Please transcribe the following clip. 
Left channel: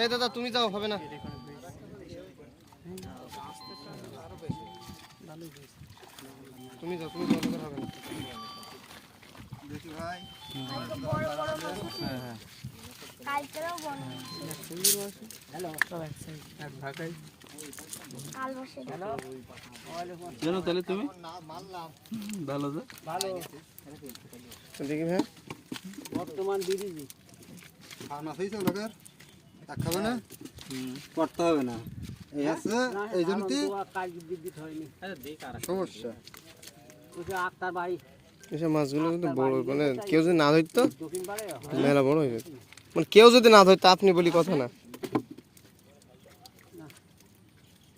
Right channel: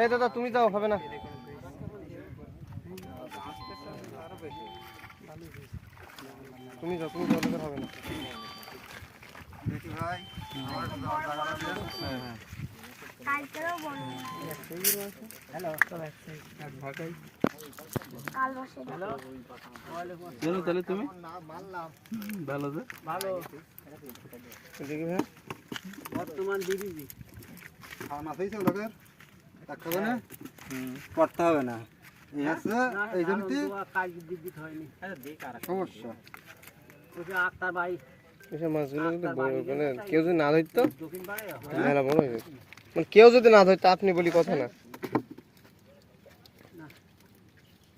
এই দাদা তুমি যাও, হবে না। তুমি যাও, তুমি যাও, হবে না। দেখি ভাই, তাহলে তুমি ভালো দেখি ভাই বর্তমান দিদি খাওয়া হয়েছে লোকের খাবে না, করতে হবে না, এই আছে এই জমিতে সমস্যা। আক্তার ভাই এসব মাছগুলো যদি বড় মানে কেউ যদি না ধরতো মেলা বড় হয়ে যেত, মানে কেউ যদি না ধরতো আপনি বলি কথা না।